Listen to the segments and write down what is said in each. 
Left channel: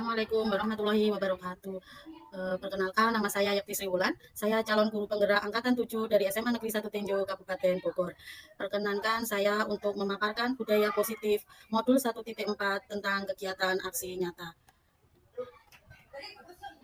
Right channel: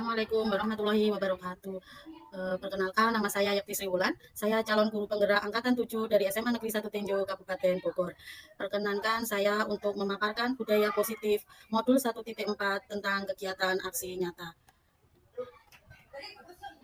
Assalamualaikum warahmatullahi wabarakatuh. Perkenalkan nama saya Yakti Sriwulan. Saya calon guru penggerak angkatan 7 dari SMA Negeri 1 Tenjo, Kabupaten Bogor. Perkenankan saya untuk memaparkan budaya positif modul 1.4 tentang kegiatan aksi nyata.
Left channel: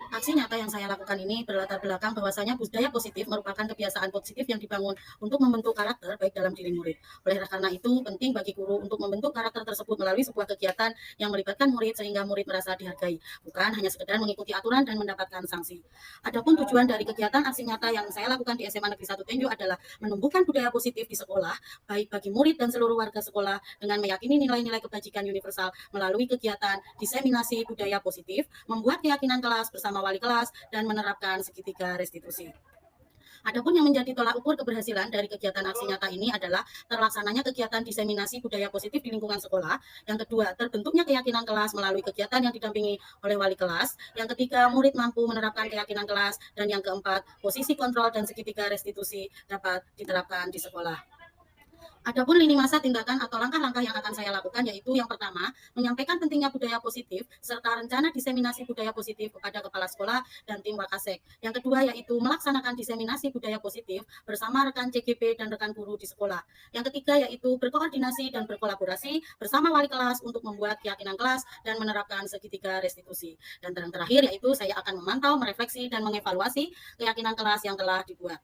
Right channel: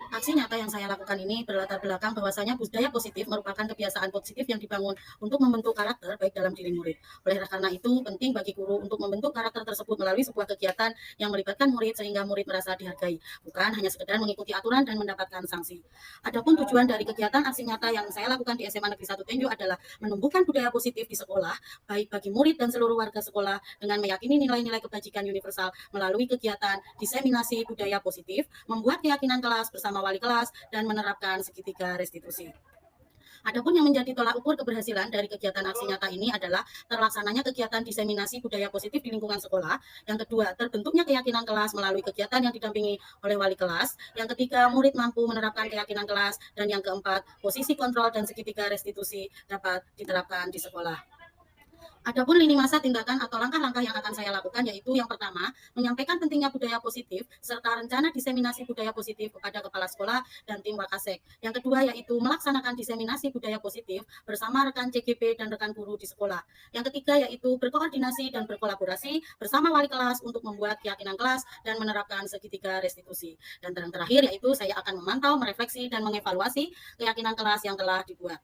Aksi nyata yang saya lakukan ini berlatar belakang bahwasanya budaya positif merupakan kebiasaan positif yang dibangun untuk membentuk karakter baik dalam diri murid. Oleh karena itu, penting bagi guru untuk membentuk karakter tersebut melalui sebuah kegiatan yang melibatkan murid sehingga murid merasa dihargai, bukan hanya sekedar mengikuti aturan dan mendapatkan sanksi. Adapun tujuan dari kegiatan aksi nyata yang saya lakukan di SMA Negeri 1 Tenjo adalah menumbuhkan budaya positif di sekolah, baik bagi murid dan seluruh warga sekolah dengan meyakini nilai-nilai kebajikan universal melalui kegiatan diseminasi budaya positif, membuat keyakinan kelas bersama wali kelas, dan menerapkan segitiga restitusi. Adapun yang menjadi tolak ukur keberhasilan dari kegiatan aksi nyata ini adalah terlaksananya kegiatan diseminasi budaya positif di lingkungan sekolah. Yang kedua, terbentuknya keyakinan kelas melalui kegiatan yang didampingi oleh wali kelas. Yang ketiga, murid mampu menerapkan keyakinan kelas. Dan yang keempat, posisi kontrol dan segitiga restitusi dapat diterapkan di sekolah. Adapun lini masa tindakan atau langkah-langkah yang akan saya lakukan yaitu yang pertama, menyampaikan pentingnya budaya positif serta rencana diseminasi budaya positif kepada kepala sekolah dan tim Wakasek. Yang kedua yaitu melaksanakan diseminasi budaya positif bersama rekan CGP dan rekan guru di sekolah. Yang ketiga yaitu berkoordinasi dan berkolaborasi bersama wali kelas untuk membuat keyakinan kelas dan menerapkan segitiga restitusi. Dan yang terakhir yaitu saya akan memantau, merefleksi, dan mengevaluasi keyakinan kelas yang telah dibuat.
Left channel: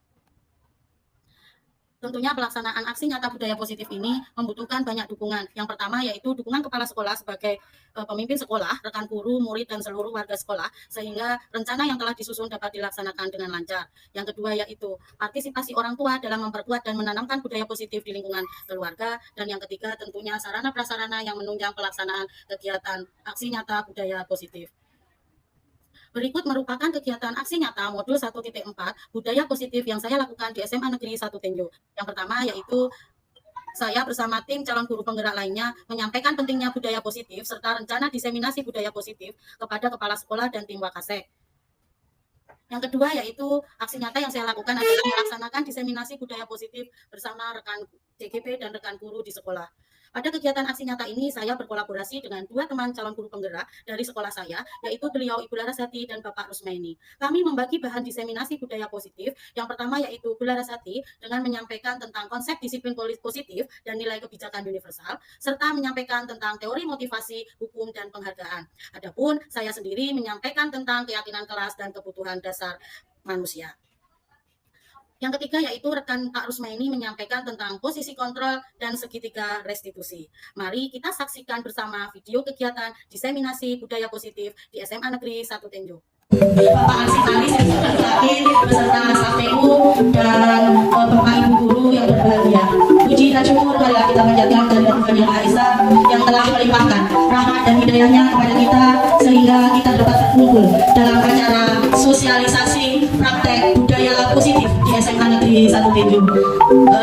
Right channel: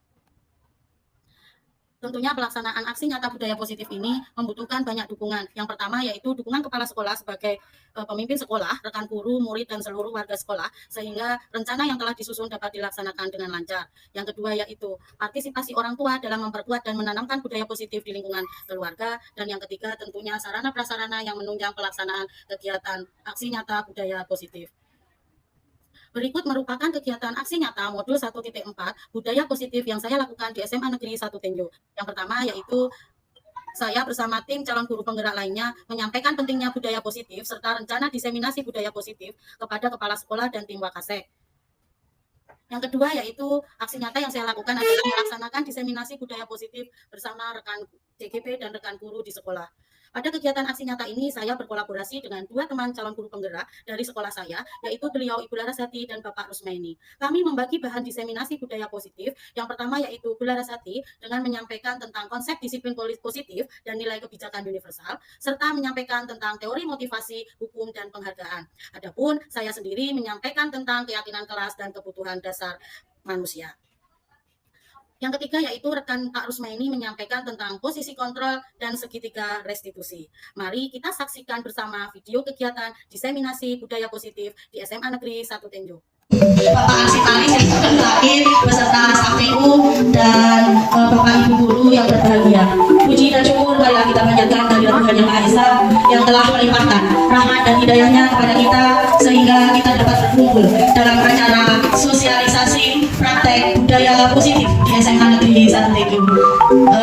Tentunya pelaksanaan aksi nyata budaya positif ini membutuhkan banyak dukungan. Yang pertama yaitu dukungan kepala sekolah sebagai pemimpin sekolah, rekan guru, murid, dan seluruh warga sekolah, sehingga rencana yang telah disusun dapat dilaksanakan dengan lancar. Yang kedua yaitu partisipasi orang tua dalam memperkuat dan menanamkan budaya positif di lingkungan keluarga. Dan yang ketiga tentunya sarana prasarana yang menunjang pelaksanaan kegiatan aksi nyata budaya positif. Berikut merupakan kegiatan aksi nyata modul 1.4 budaya positif yang saya lakukan di SMA Negeri 1 Tenjo. Yang pertama yaitu saya bersama tim calon guru penggerak lainnya menyampaikan pentingnya budaya positif serta rencana diseminasi budaya positif kepada kepala sekolah dan tim Wakasek. Yang kedua yaitu aksi nyata yang saya lakukan adalah melaksanakan diseminasi budaya positif bersama rekan CGP dan rekan guru di sekolah. Pada kegiatan aksi nyata ini, saya berkolaborasi dengan dua teman calon guru penggerak dari sekolah saya, yaitu beliau Ibu Larasati dan Bapak Rusmaini. Kami membagi bahan diseminasi budaya positif. Yang pertama yaitu Bu Larasati dengan menyampaikan tentang konsep disiplin positif dan nilai kebijakan universal, serta menyampaikan tentang teori motivasi, hukum, dan penghargaan. Adapun saya sendiri menyampaikan tentang keyakinan kelas dan kebutuhan dasar manusia. Yang ketiga yaitu rekan Pak Rusmaini menyampaikan tentang posisi kontrol dan segitiga restitusi. Mari kita saksikan bersama video kegiatan diseminasi budaya positif di SMA Negeri 1 Tenjo. Bapak Arsitalis yang sudah terakhir beserta SAPU dan Bapak Ibu Guru yang berbahagia. Puji dan syukur marilah kita panjatkan kehadirat Tuhan Yang Maha Esa yang telah melimpahkan rahmat dan hidayahnya kepada kita sehingga kita dapat berkumpul dalam acara sosialisasi praktek budaya positif di SMA Negeri 1 Tenjo.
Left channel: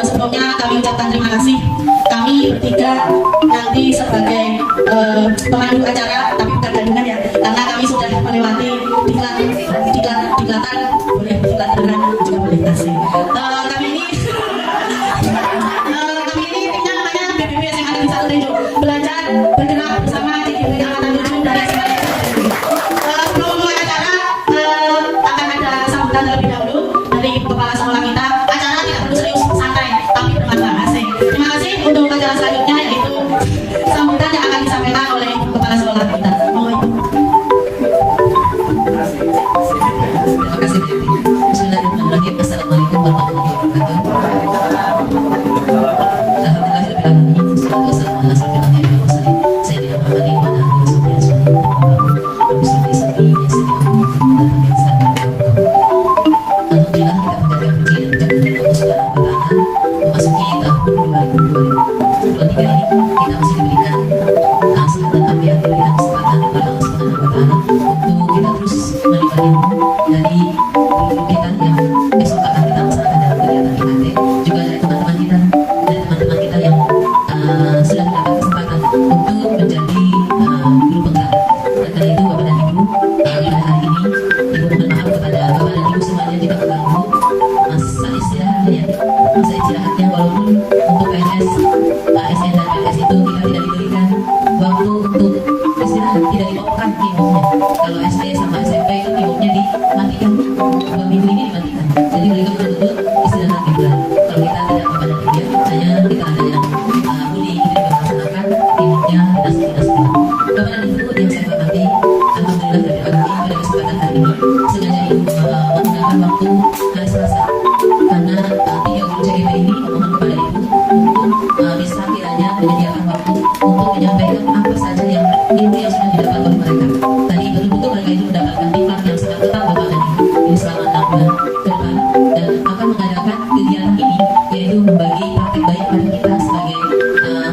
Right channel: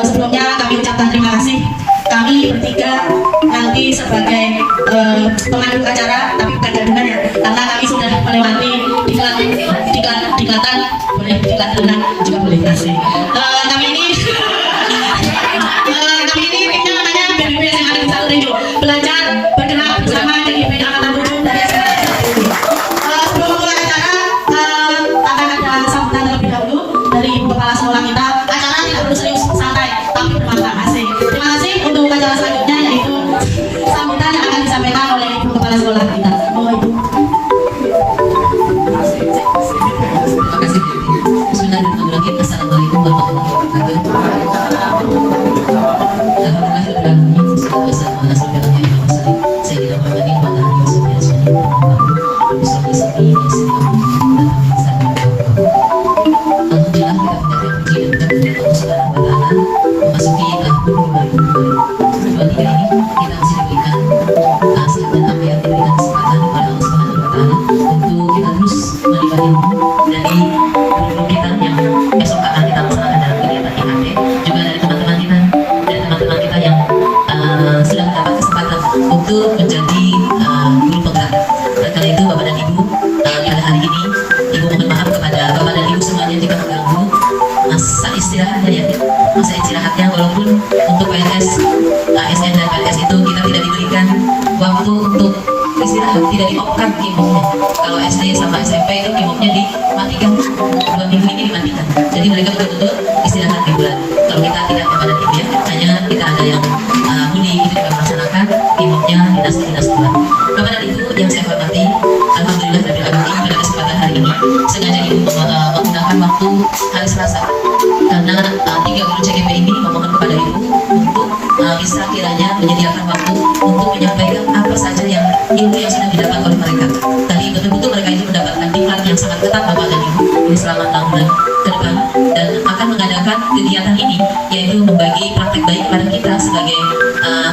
Sebelumnya kami ucapkan terima kasih. Kami bertiga nanti sebagai pemandu acara, tapi bukan gadungan ya, karena kami sudah melewati diklatan, boleh diklatan juga boleh kasih. Kami ini timnya namanya BBB SMA Negeri 1 Tenjo, belajar bergerak bersama DGP Angkatan 7 dari SMA Negeri 1 Tenjo. Sebelum memulai acara akan ada sambutan terlebih dahulu dari Ibu Kepala Sekolah kita. Acara tidak perlu serius, santai, tapi bermanfaat. Terima kasih untuk acara selanjutnya yaitu sambutan yang akan disampaikan oleh Ibu Kepala Sekolah kita. Mohon Ibu. Terima kasih. Bismillahirrahmanirrahim. Assalamualaikum warahmatullahi wabarakatuh. Dari guru kita yang besok akan kita laksanakan dalam kegiatan IHT, juga dari teman-teman kita dan teman-teman kita yang sudah mendapat kesempatan dinas-dinas Tuhan. Bapak dan Ibu yang saya hormati, alhamdulillah dari alamin pada kesempatan hari ini sengaja Ibu menggunakan waktu hari Selasa karena 3 guru CGP ini memohon kepada Ibu untuk bisa kiranya menyediakan waktu untuk menyampaikan apa saja yang ilmu yang sudah didapat oleh mereka. Tadi betul-betul mereka itu mendapatkan diklat yang sangat ketat Bapak dan Ibu ini selama 6 bulan ke depan, dan akan mengadakan kegiatan ini yaitu membagi praktek baik kepada kita sebagai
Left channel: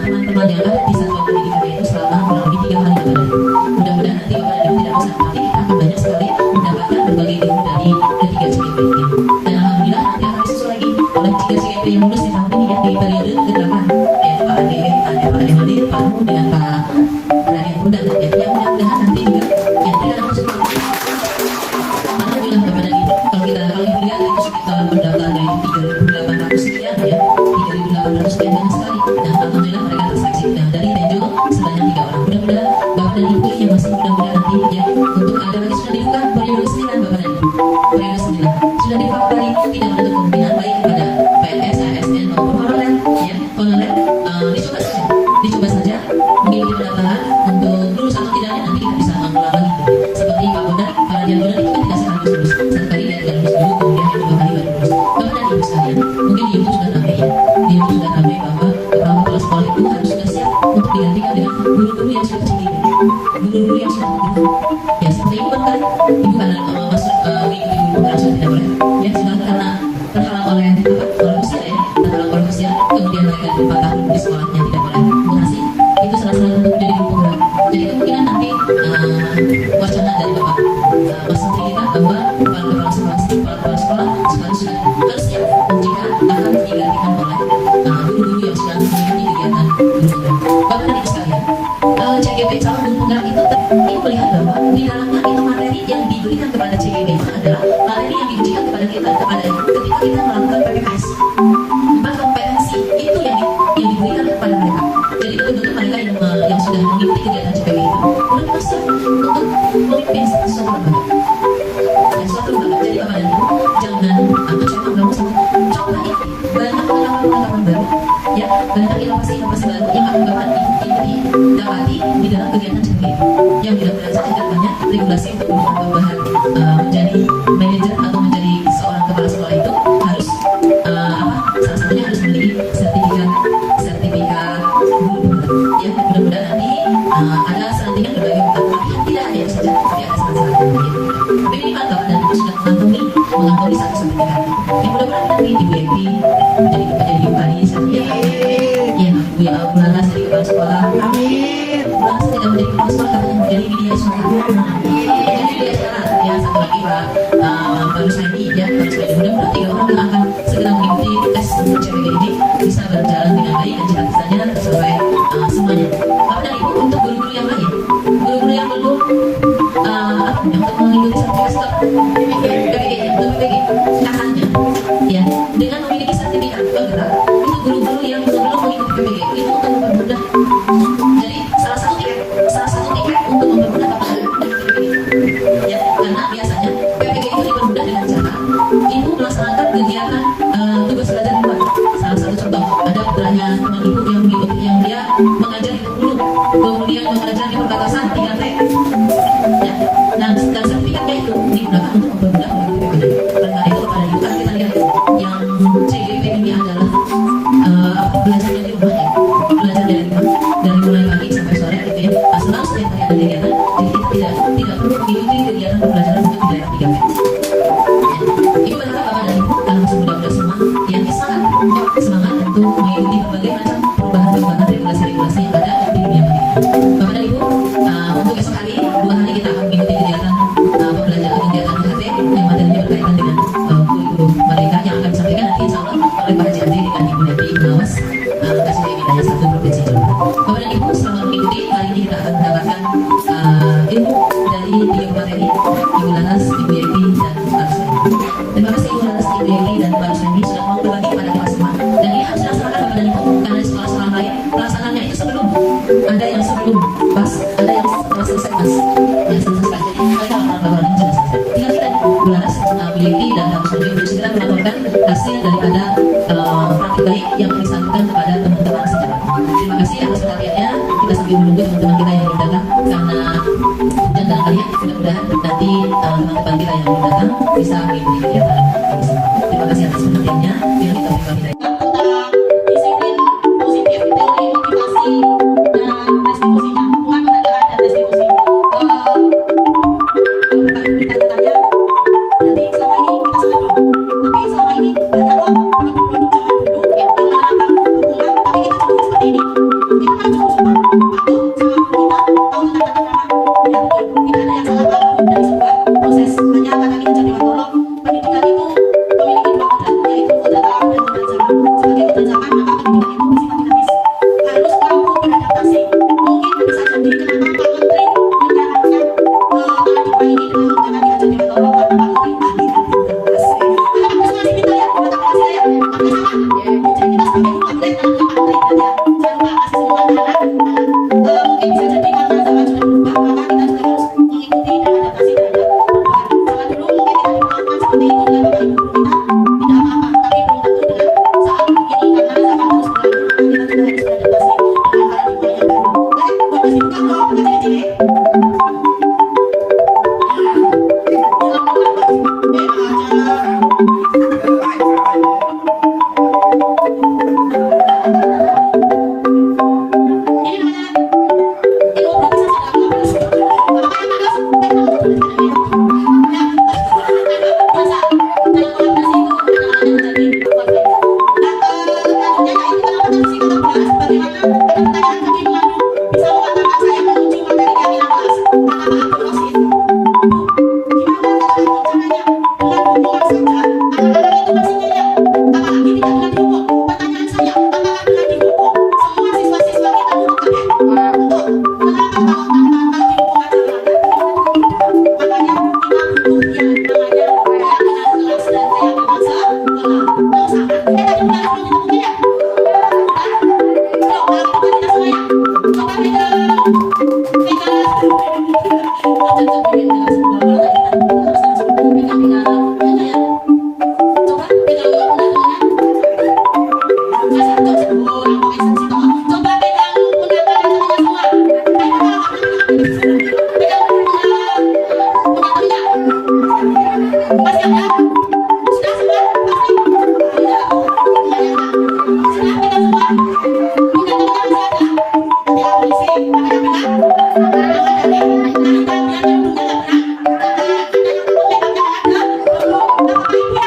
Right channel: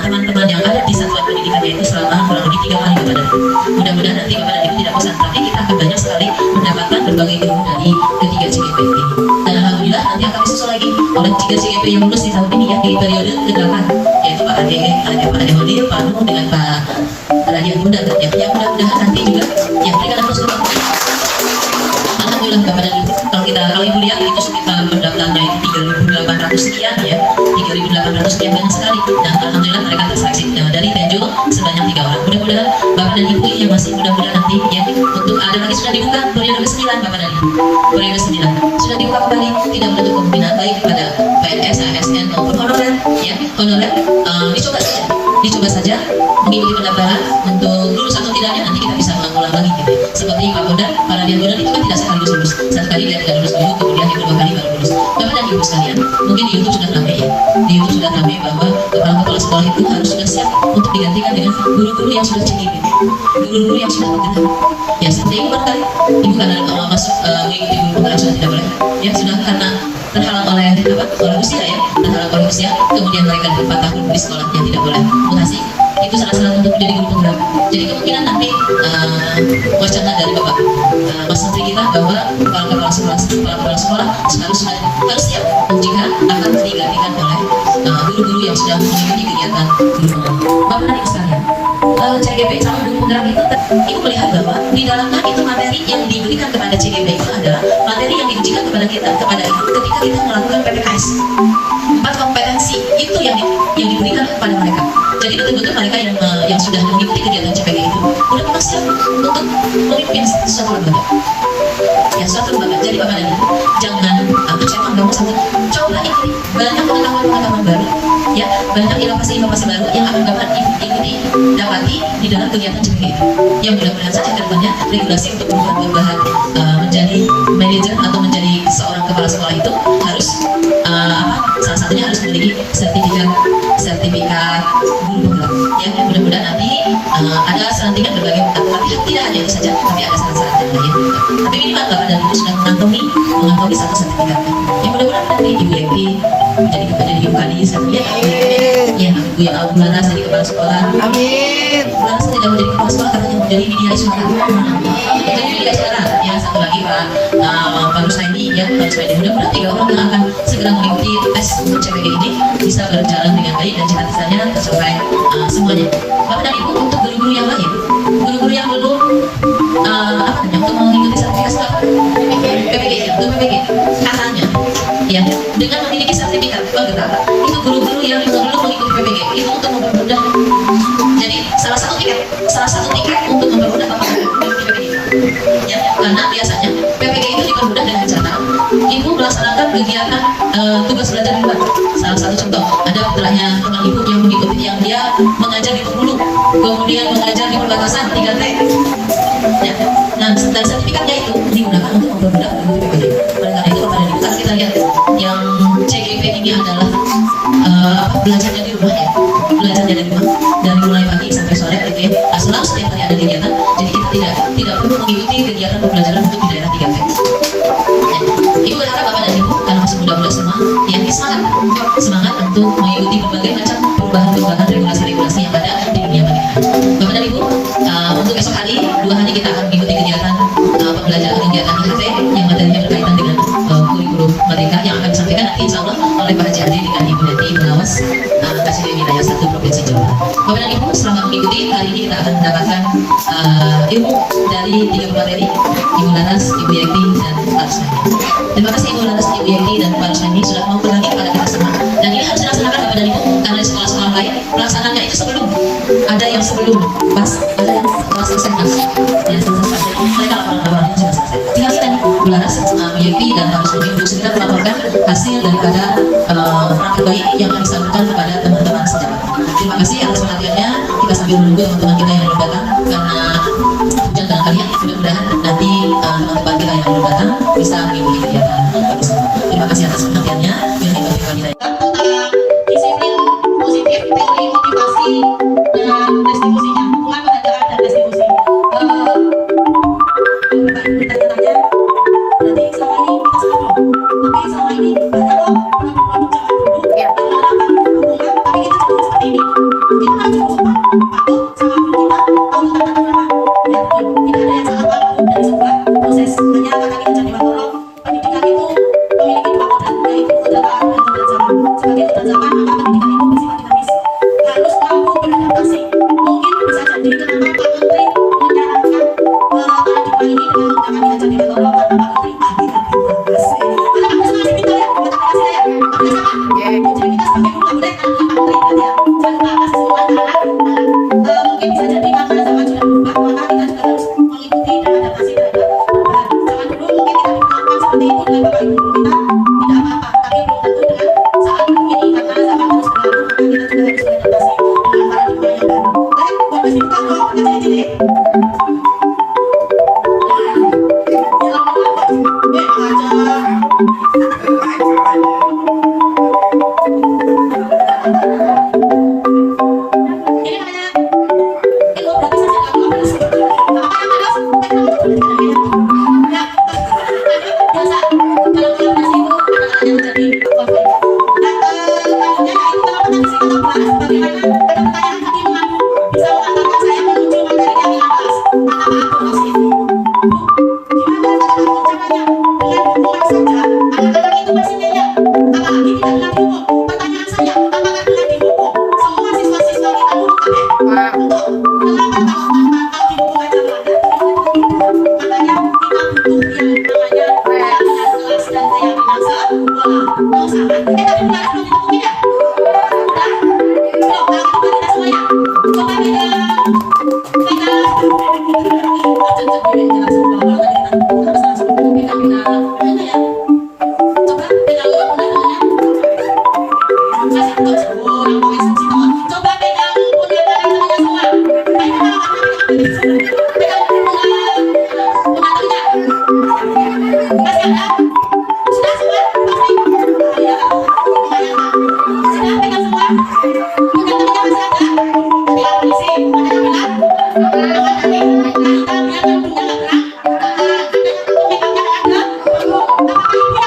teman-teman yang ada di satuan pendidikan, yaitu selama kurang lebih 3 kali Bapak dan Ibu. Mudah-mudahan nanti Bapak dan Ibu tidak bosan, tapi kita akan banyak sekali mendapatkan berbagai ilmu dari ketiga CGP ini. Dan alhamdulillah nanti akan disusul lagi oleh 3 CGP yang lulus di tahun ini ya, di periode ke-8, yaitu Pak Ade, Pak Ade Hodir, Pak Nuh dengan Pak Radian Bunda. Ya, mudah-mudahan nanti juga ya mereka akan terus berkembang. Alhamdulillah Bapak dan Ibu, kalau Ibu lihat itu sekitar pendaftarnya itu 3.800 sekian ya, 3.800 sekian, banyak sekali. Dan alhamdulillah mereka terseleksi dari Tenjo sebanyak 3 orang. Mudah-mudahan Bapak dan Ibu yang masih muda-muda nanti ya, untuk ada lagi sudah dibuka periode ke-9 Bapak dan Ibu, periode 9 sudah dibuka kembali, tidak menutup kemungkinan baik kepada PNS, ASN maupun honorer ya, honorer dicoba saja mengikuti pendaftaran untuk lulus atau tidaknya nanti kita bisa mengulang lagi gitu. Seperti Pak Bondan, para Radian Bunda itu kan tidak sekali lulus, satu kali dia tidak lulus dulu, kemudian yang kedua kali baru lulus. Bapak dan Ibu sekalian, mungkin di YouTube sudah ramai ya, di YouTube sudah ramai bahwa kepala-kepala sekolah itu harus sudah siap untuk digantikan dengan guru-guru yang sudah CGP, guru-guru yang sudah bergerak. Ya seperti Ibu barangkali, Ibu karena masuk mengikuti guru pengajar tidak boleh, ya sudah karena terhalang oleh usia ya, terhalang oleh usia, kemudian mereka 4 tahun di sekolah yang tidak boleh mengasihi. Itu salah satu untuk menjadi guru penggerak. Jadi kemungkinan nanti wacana dari Bapak Mas Menteri kita bahwa kepala-kepala sekolah harus siap jika akan digantikan oleh guru-guru yang sudah mengikuti kegiatan guru penggerak. Bapak dan Ibu sekalian, CGP calon guru penggerak itu Ibu melihat bahwa di dalamnya itu materi yang diberikan kepada CGP itu adalah materi yang diujikan kepada kita, kepada Ibu ketika kita melakukan PPKS. 4 kompetensi itu yang diberikan kepada mereka. Jadi betul-betul mereka yang sudah mengikuti kegiatan CPG itu udah memang siap untuk memimpin suatu lembaga. Ya, suatu lembaga. Jadi Bapak dan Ibu jangan mencetak bangun satu. Coba ikuti banyak pengetahuan baru, ya banyak inovasi baru yang akan Bapak ikuti dapati di dalam kegiatan CPG itu. Yang mudah-mudahan saja ke depannya regulasi untuk perubahan menjadi manajer atau menjadi seorang kepala sekolah itu harus salah satunya harus memiliki sertifikat guru penggerak. Ya, mudah-mudahan nanti ada selantikan berbagai tapi tidak hanya itu saja, tapi ada syarat-syarat yang lain. Tapi minimal Bapak dan Ibu sudah mengantongi satu sertifikat. Ya mudah-mudahan nanti Ibu Evi menjadi Ibu Kadis, ya Ibu yang Laras jadi kepala sekolah. Amin. Laras tidak menjadi kepala sekolah karena yang menjadi media suara. Jadi media suara. Ya satu lagi Pak Rushaini, ya Pak Rushaini. Mudah-mudahan 3 orang yang akan segera mengikuti tes untuk CPG ini bisa berjalan dengan baik dan cita-citanya tercapai semuanya. Bapak dan Ibu, untuk guru-guru yang lain, guru-guru yang belum untuk mengikuti sertifikat PPG ya, untuk PPG katanya ya dengan memiliki sertifikat penggerak itu guru-guru yang belum mengikuti PPG itu untuk mempermudah. Jadi salah satu tiket untuk mempermudah Bapak mengikuti PPG ya, karena biasanya PPG itu dipermudah dengan cara Ibu melaksanakan kegiatan tugas belajar di luar. Salah satu contoh ada putranya teman Ibu yang mengikuti, yang dia mengajar di Bengkulu, kemudian mengajar di perbatasan 3T ya. Nah, dan sertifikatnya itu digunakan untuk mempermudah PPG. Oleh karena itu kepada Ibu, karena kita lihat yang CGP ini adalah belajarnya di rumah ya, belajarnya di rumah dari mulai pagi sampai sore gitu ya. Selalu setiap hari ada kegiatan, jadi kita tidak perlu mengikuti kegiatan pembelajaran untuk di daerah 3T. Ibu berharap Bapak dan Ibu kalau masih muda-muda semua yang semangat untuk mengikuti berbagai macam perubahan regulasi-regulasi yang ada di dunia pendidikan. Bapak dan Ibu, untuk esok hari 2 hari kita akan mengikuti kegiatan pembelajaran kegiatan IKT yang materinya berkaitan dengan kurikulum merdeka yang akan disampaikan nanti insya Allah oleh Pak Haji Adri dengan Ibu Neti Pengawas Kasih Wilayah 1 Provinsi Jawa Barat. Bapak dan Ibu, selama mengikuti hari ini kita akan mendapatkan ilmu dari 3 materi, Ibu Laras, Ibu Yekti, dan Pak Rushaini. Terima kasih Ibu Laras, Ibu Yekti, dan Pak Rushaini sudah mau berbagi kepada kita semua. Dan ini harus dilaksanakan Bapak dan Ibu, karena di sekolah-sekolah lain pelaksanaannya itu sebelum, ada yang sebelum pas, ada yang kelas selesai mas, ya selesai. Mereka laporan-laporannya sudah selesai. Tinggal kita nih, Bu Laras, Bu Yekti, dan Pak Rushaini untuk segera melaporkan hasil daripada praktik baik yang akan disalurkan kepada teman-teman sejawat. Terima kasih atas perhatiannya. Kita sambil menunggu teman-teman kita yang belum datang, karena dan barangkali mudah-mudahan nanti teman-teman kita yang belum datang bisa mengikuti kegiatan kami semua. Terima kasih atas perhatiannya. Bila itu kami dari tentang disiplin positif, teori motivasi dan restitusinya, dukungan pengadaan dan restitusi. Bertanya-tanya, berarti selama ini kita salah dong. Tapi selama ini banyak loh produk-produk zaman dulu yang menerapkan dukungan, tapi kita cenderung seperti ini. Kita malah cenderung suka patuh sama guru kita, tahu tentang tata krama. Ya betul, tidak ada yang salah apapun dari sebuah proses. Hanya kata kita jadi Wantoro, pendidikan itu memiliki dua kodrat, yaitu kodrat alam dan kodrat zaman. Sebagai kodrat zaman, maka pendidikan itu bersifat dinamis, harus mampu beradaptasi. Mungkin bisa jadi kenapa Pak Menteri menyarankan paradigma ini dengan menggunakan kita jadi Wantoro, karena Pak Menteri ahli administrasi. Karena Pak Menteri pintar ya, kata Pak saya, Pak Menteri sama. Jadi kita sebagai guru nggak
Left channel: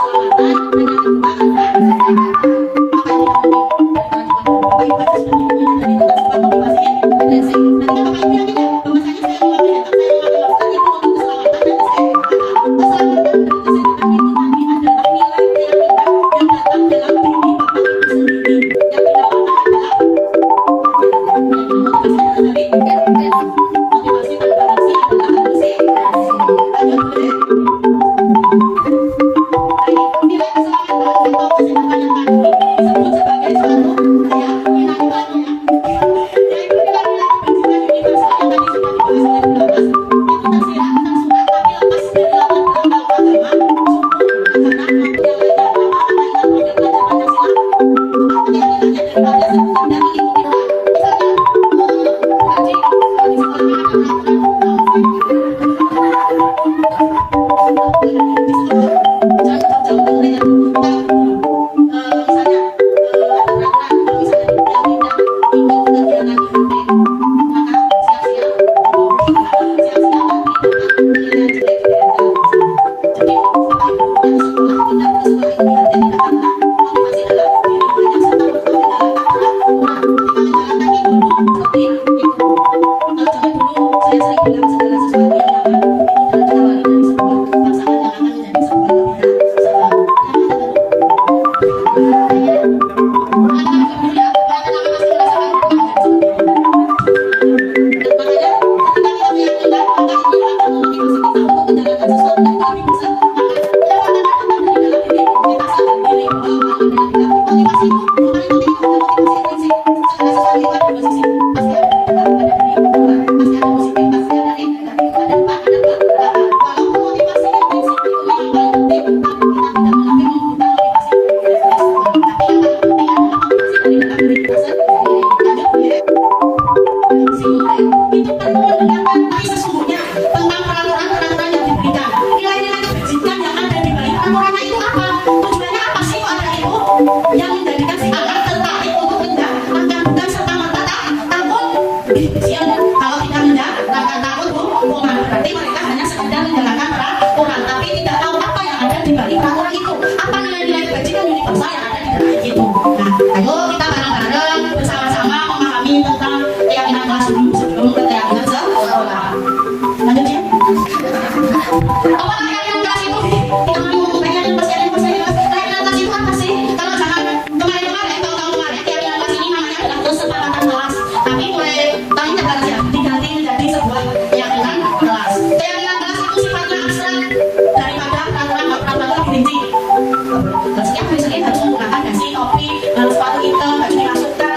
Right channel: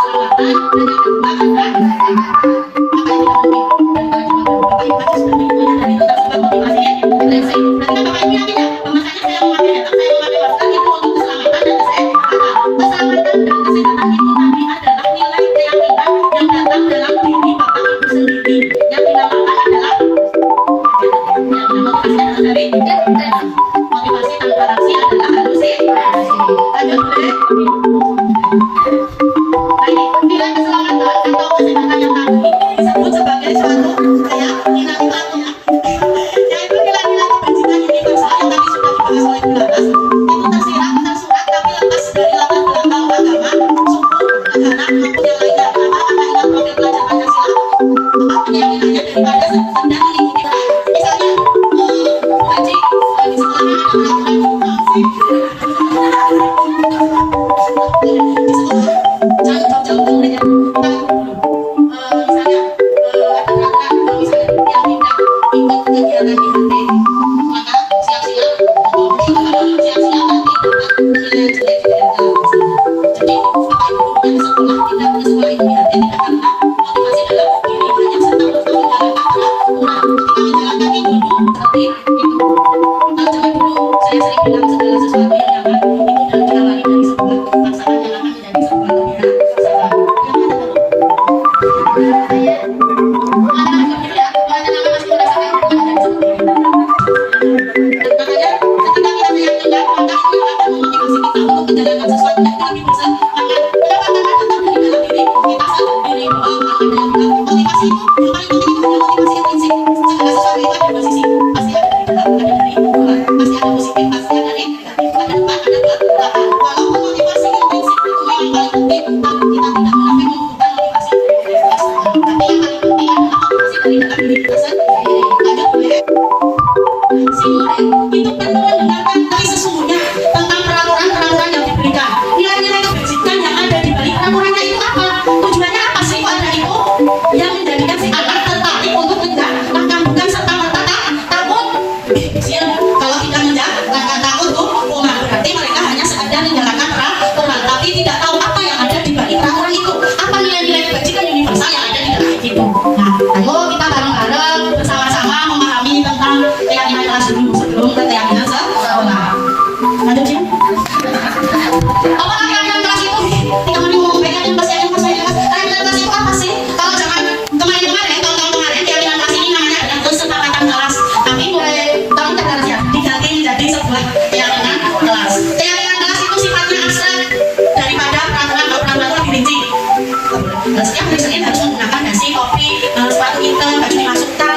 boleh nanti Pak Menteri gitu ya. Jangan lupa kasih semua anak-anak. Mungkin bisa jadi karena zaman sudah berubah, maka kita juga harus mengikuti dan adaptasi terhadap perubahan. Zaman dulu mungkin kita diperlakukan seperti itu dengan bapak ibu guru kita, tidak apa-apa, tapi belum tentu dengan saat ini, karena zaman terus berlalu, maka kita juga harus beradaptasi dengan paradigma yang baru. Baik, boleh dibuka dong, kecil-kecil. Apa keyakinan kelas itu? Kita mari ngomong keyakinan kelas keyakinan kelas itu apa sih? Kalau zaman kemarin-kemarin, tahun-tahun kemarin, keyakinan kelas ini namanya adalah kesepakatan kelas. Tapi mulai tahun kemarin ya diganti menjadi sebuah keyakinan kelas. Keyakinan kelas itu sifatnya abstrak daripada peraturan dirinci. Setiap hari harus menggunakan dasi, topi, sepatu hitam, baju dimasukkan.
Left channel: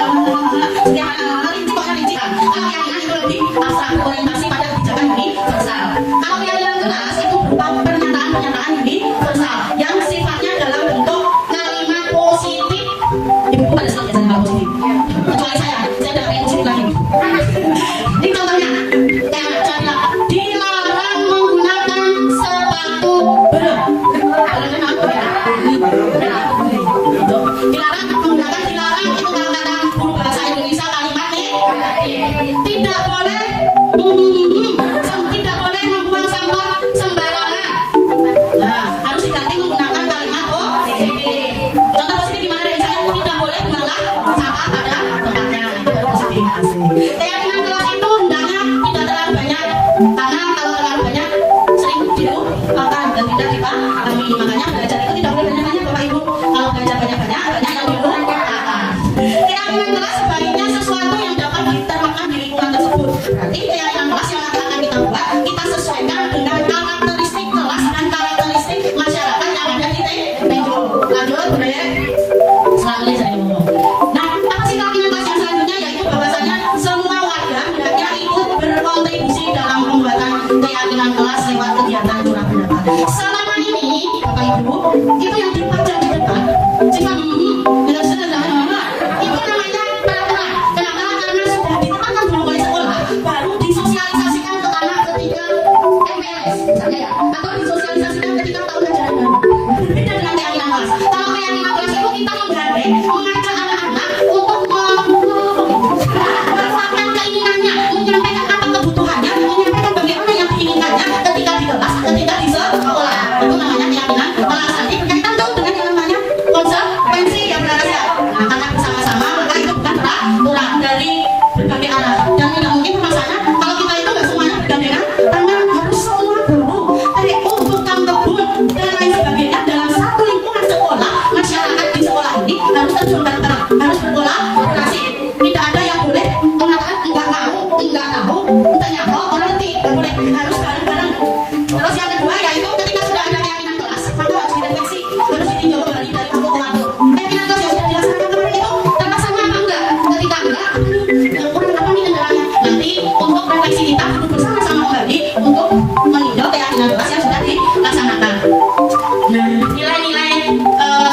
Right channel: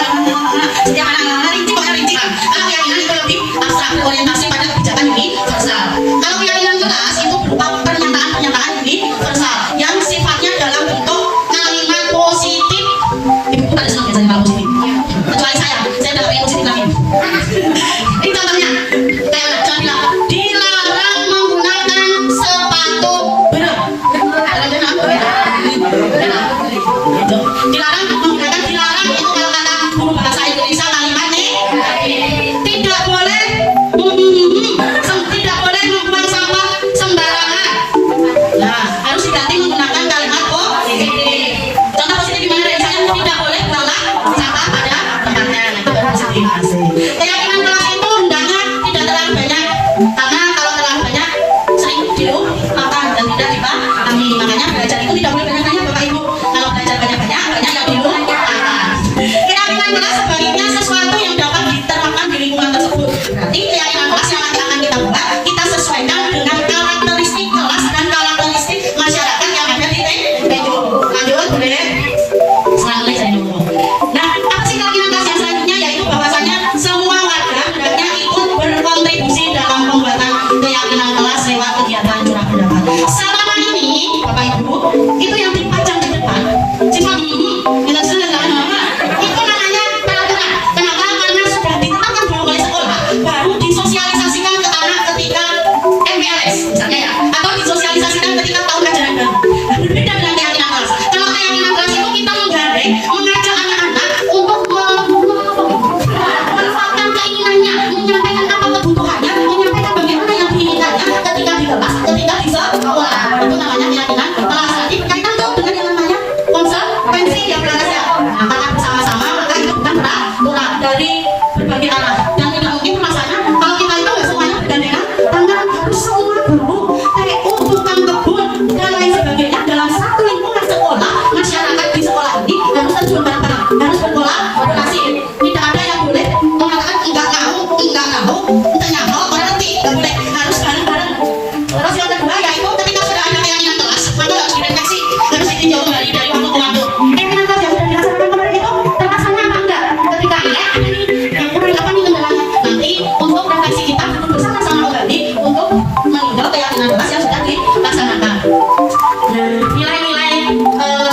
Setiap anak-anak rinci pokoknya rinci lah. Kalau keyakinan itu lebih abstrak, berorientasi pada kebijakan universal. Kalau keyakinan kelas itu berupa pernyataan-pernyataan universal yang sifatnya dalam bentuk kalimat positif. Ibu ada senang biasanya kalau positif. Kecuali saya udah pengen positif lagi. Ini contohnya, kayak anak bilang, dilarang menggunakan sepatu berat. Dilarang menggunakan, dilarang itu kalau kata guru bahasa Indonesia kalimatnya tidak boleh tidak boleh membuang sampah sembarangan. Nah, harus diganti menggunakan kalimat positif. Contoh positif gimana dari saya? Tidak boleh buang sampah pada tempatnya. Itu baru positif. Keyakinan kelas itu hendaknya tidak terlalu banyak, karena kalau terlalu banyak sering dilupakan dan tidak dipahami. Makanya belajar itu tidak boleh banyak-banyak Bapak Ibu. Kalau belajar banyak-banyak, banyak yang dilupakan. Keyakinan kelas sebaliknya sesuatu yang dapat diterapkan di lingkungan tersebut. Berarti keyakinan kelas yang nanti akan kita buat, kita sesuaikan dengan karakteristik kelas dan karakteristik masyarakat yang ada di TPU. Lanjut, boleh? Selanjutnya saya ngomong. Nah, apa sih keyakinan kelas yang selanjutnya? Yaitu bahwasanya semua warga hendaknya ikut berkontribusi dalam pembuatan keyakinan kelas lewat kegiatan curah pendapat. Selama ini, Bapak Ibu, itu yang dipajang di depan, sifat kita sudah itu namanya peraturan. Kenapa? Karena sudah ditetapkan dulu oleh sekolah, baru disosialisasikan ke anak ketika MPLS misalnya ya, atau disosialisasikan ketika tahun ajaran baru. Berbeda dengan keyakinan kelas. Kalau keyakinan kelas itu kita menggandeng, mengajak anak-anak untuk memanfaatkan keinginannya, menyampaikan apa kebutuhannya, menyampaikan bagaimana yang diinginkannya ketika di kelas, ketika di sekolah. Itu namanya keyakinan kelas. Nanti berkaitan tuh dengan yang namanya konsekuensi yang berada. Nah, karena bersama-sama maka itu bukan peraturan dari berbagai arah. Dan tidak mungkin masanya kalau kita itu nggak semuanya bergandengan tangan, harus semua guru, TU, tukang kebun dan lain sebagainya dalam satu lingkungan sekolah, masyarakat di sekolah ini harus terjun bareng-bareng, harus berkolaborasi. Tidak ada yang boleh mengatakan enggak mau, entahnya mau orang ngerti, nggak boleh, harus bareng-bareng. Terus yang kedua yaitu ketika sudah ada keyakinan kelas, maka harus direfleksi, harus ditinjau kembali dari waktu ke waktu. Keyakinan kelas yang sudah dilaksanakan kemarin itu terlaksana apa enggak? Ketika ini ada nih yang kurang apa nih kendalanya? Nanti untuk refleksi kita duduk bersama-sama kembali untuk meninjau keyakinan kelas yang sudah dilaksanakan. Nilai-nilai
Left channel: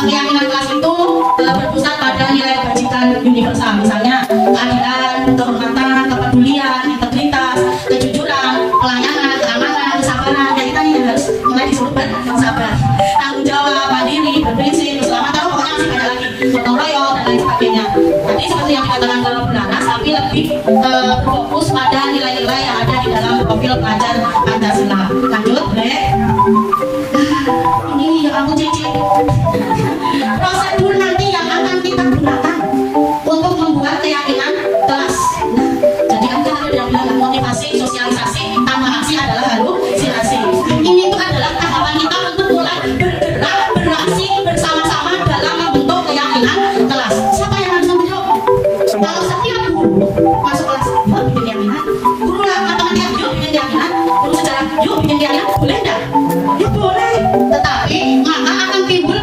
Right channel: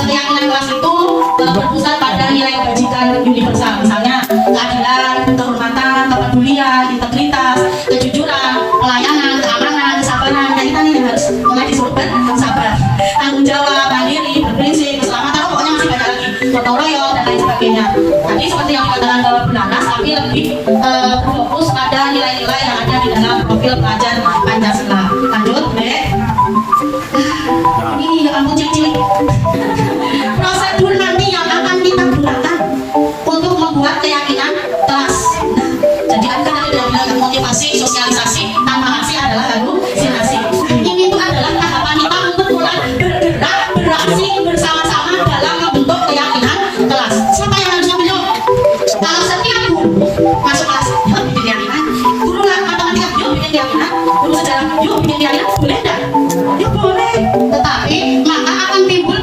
keyakinan kelas itu berpusat pada nilai kebajikan universal, misalnya keadilan, kehormatan, kepedulian, integritas, kejujuran, pelayanan, keamanan, kesabaran. Nah, kita ini harus mulai disuruh bersabar, tanggung jawab, mandiri, berprinsip, keselamatan, pokoknya masih banyak lagi, gotong royong dan lain sebagainya. Jadi seperti yang dikatakan dalam Bernanas, tapi lebih berfokus pada nilai-nilai yang ada di dalam profil pelajar Pancasila. Lanjut, boleh? Ini yang ampun cilik-cilik. Prosedur nanti yang akan kita gunakan untuk membuat keyakinan kelas. Nah, jadi kan ada yang bilang motivasi, sosialisasi, tanpa aksi adalah halusinasi. Ini itu adalah tahapan kita untuk mulai bergerak, beraksi bersama-sama dalam membentuk keyakinan kelas. Siapa yang harus membentuk? Kalau setiap guru masuk kelas, yuk bikin keyakinan. Guru matematika, yuk bikin keyakinan. Guru sejarah, yuk bikin keyakinan. Boleh enggak? Ya boleh. Tetapi maka akan timbul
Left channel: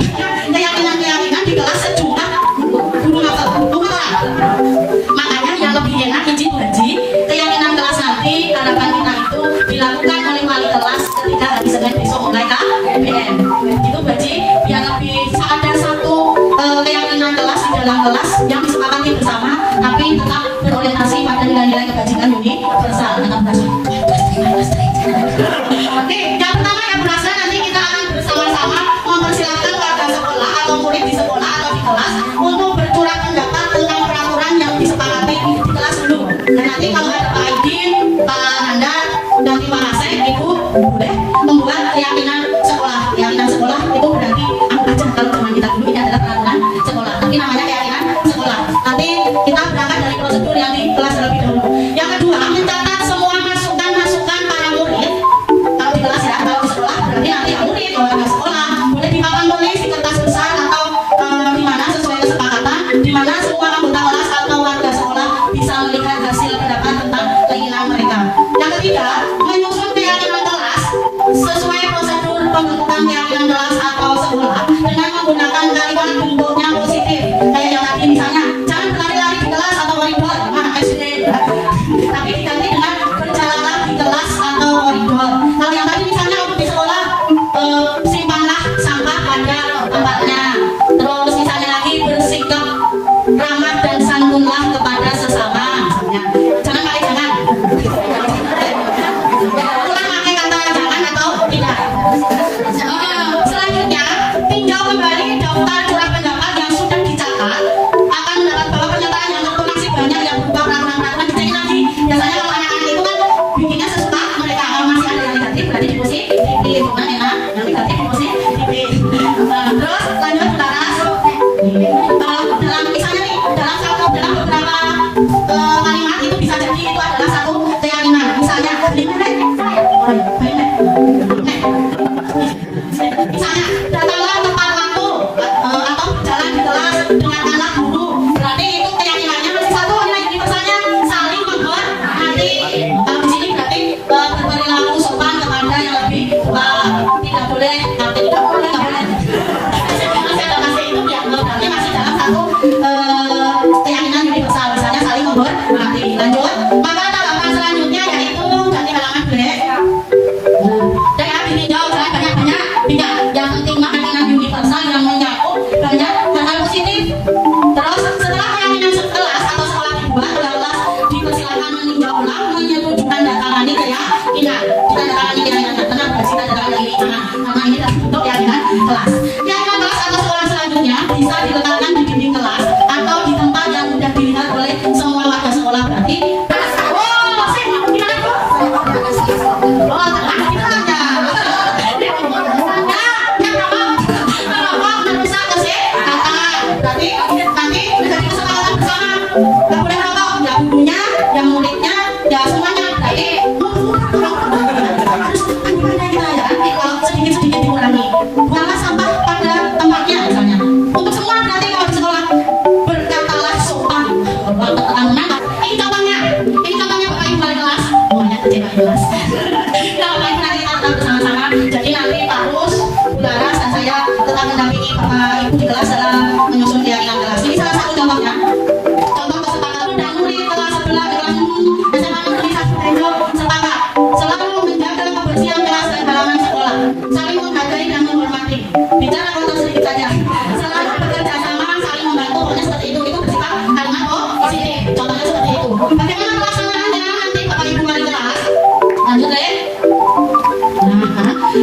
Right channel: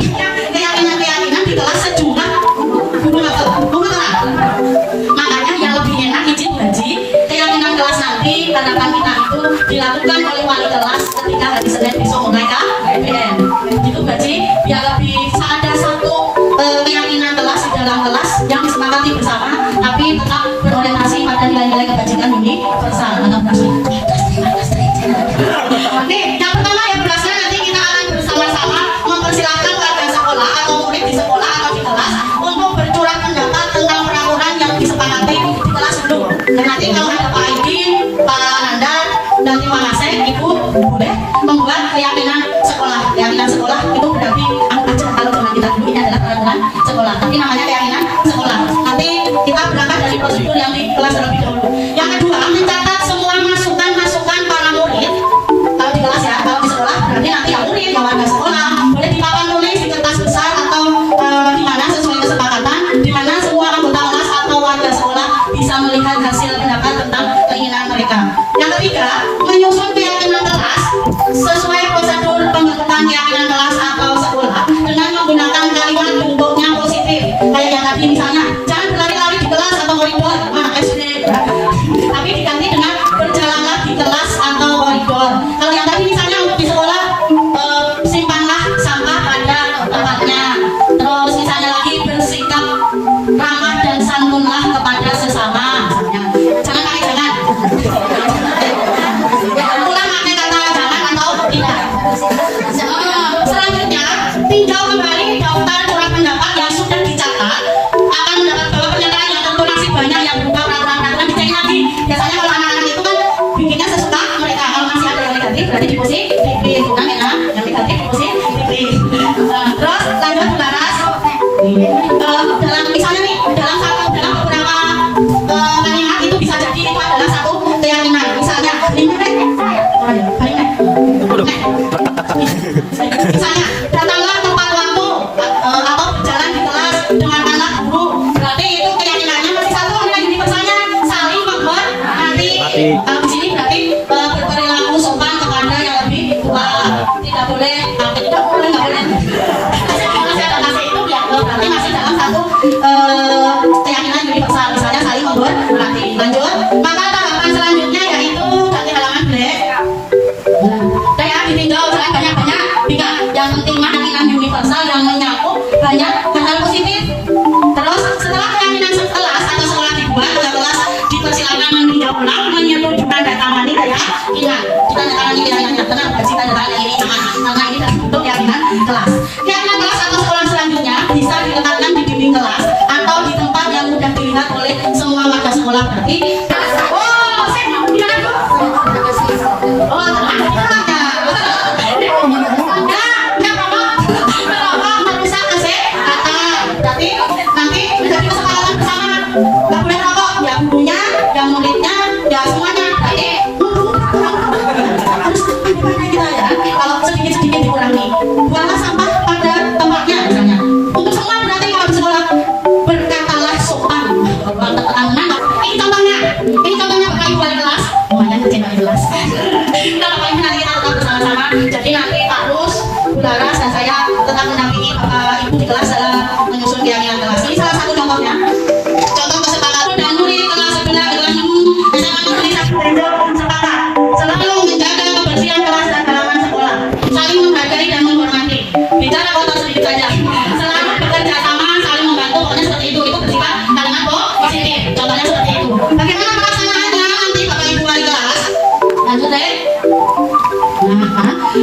keyakinan-keyakinan di kelas sejumlah guru nakal. Makanya yang lebih enak izin haji keyakinan kelas nanti harapan kita itu dilakukan oleh wali kelas ketika hari Senin besok mulai KBM. Itu haji yang lebih ada satu keyakinan kelas di dalam kelas yang disepakati bersama, tapi tetap berorientasi pada nilai-nilai kebajikan universal. Anak berhasil. Nih, yang pertama yang berhasil nanti kita akan bersama-sama mempersilahkan warga sekolah atau murid di sekolah atau di kelas untuk bercurah pendapat tentang peraturan yang disepakati di kelas dulu. Dan nanti kalau ada Pak Aidin, Pak Nanda, dan Pak Masek, Ibu boleh membuat keyakinan sekolah. Keyakinan sekolah itu berarti anggap aja kalau zaman kita dulu ini adalah peraturan sekolah, tapi namanya keyakinan sekolah. Nanti kita berangkat dari prosedur yang di kelas terlebih dahulu. Yang kedua, mencatat semua masukan-masukan para murid. Kalau di kelas ya, kalau di sekolah Jadi nanti yang murid, yang warga sekolah boleh dipapan tulis di kertas besar atau di mana sesuai kesepakatan, di mana semua anggota kelas atau warga sekolah bisa melihat hasil pendapat tentang keinginan mereka. Yang ketiga, menyusun keyakinan kelas sesuai prosedur pembentukan keyakinan kelas atau sekolah dengan menggunakan kalimat bentuknya positif. Kayak yang tadi misalnya, jangan berlari-lari di kelas atau koridor, SD, tapi diganti dengan berjalanlah di kelas atau koridor. Kalau yang tadi misalnya untuk di sekolah, simpanlah sampah pada tempatnya. Terus misalnya lagi bersikap ramah dan santunlah kepada sesama. Misalnya, jangan kali jangan. Ulang pakai kata jangan atau tidak. Selanjutnya, tinjau kembali daftar surat pendapat yang sudah dicatat. Akan mendapat bahwa pernyataan yang tentu masih banyak yang berupa peraturan-peraturan dicek lagi. Biasanya kalau anak-anak itu kan bikinnya sesuka mereka. Kalau masih ada yang negatif berarti di posisi di lingkungan ya, yang negatif di posisi di. Terus lanjut Bularas. Dalam misalnya nih dalam beberapa kalimat itu bisa jadi itu adalah satu keyakinan. Misalnya misalnya datanglah tepat waktu atau berjalan di kelas dengan anak guru, berarti itu keyakinannya masih satu nilai universalnya saling menghormati. Di sini berarti berperilaku sopan kepada yang lebih tua, tidak boleh nggak boleh masih ada masih itu ya, berarti masih dalam satu keyakinan universal, misalnya saling menghormati. Lanjut, maka tahapan selanjutnya yaitu ganti halaman black. Saya ditinggal banyak-banyak, tidak. Yang penting keyakinan universal yang menyakup banyak hal positif. Terus setelah keyakinan kelas atau sekolah dibuat, kelas dipersilakan meninjau ulang, menyetujui tanda tangani keyakinan. Tanda tangani keyakinan, tenang, bagi tanda tangani ini jangan, karena ini untuk keyakinan kelas. Keyakinan kelas atau sekolah selanjutnya bisa diletakkan di dinding kelas atau di tempat yang mudah dilihat oleh semua warga sekolah. Berarti yang muridnya, ya semuanya. Kalau sedikit-sedikit dikurangi, buanglah sampah pada tempatnya misalnya. Untuk semua berarti kalau di sekolah berkatalah sopan. Ini contohnya Bapak Ibu wali kelas. Lumayan kecil wali kelas. Kalau Bapak Ibu nanti kita tetap bersama-sama. Jadi nanti Pak Rus, Bularas dan saya tetap mendampingi Bapak Ibu di kelas dalam menyusun keyakinan kelas. Ini salah satu contohnya. Contoh kesepakatan dan murid kelas sebelah dengan SMA Negeri 1 Tendo sepakat selalu menjaga kebersihan kelas dan halaman sekolah, saling menghargai dan menghormati. Bicara kotor sedikit saja, selalu bekerja sama, saling membantu. Pokoknya seperti itu bersifat kalimat positif. Contohnya seperti itu. Bagaimana pelaksanaannya nanti Bapak Ibu wali kelas? Lanjut deh.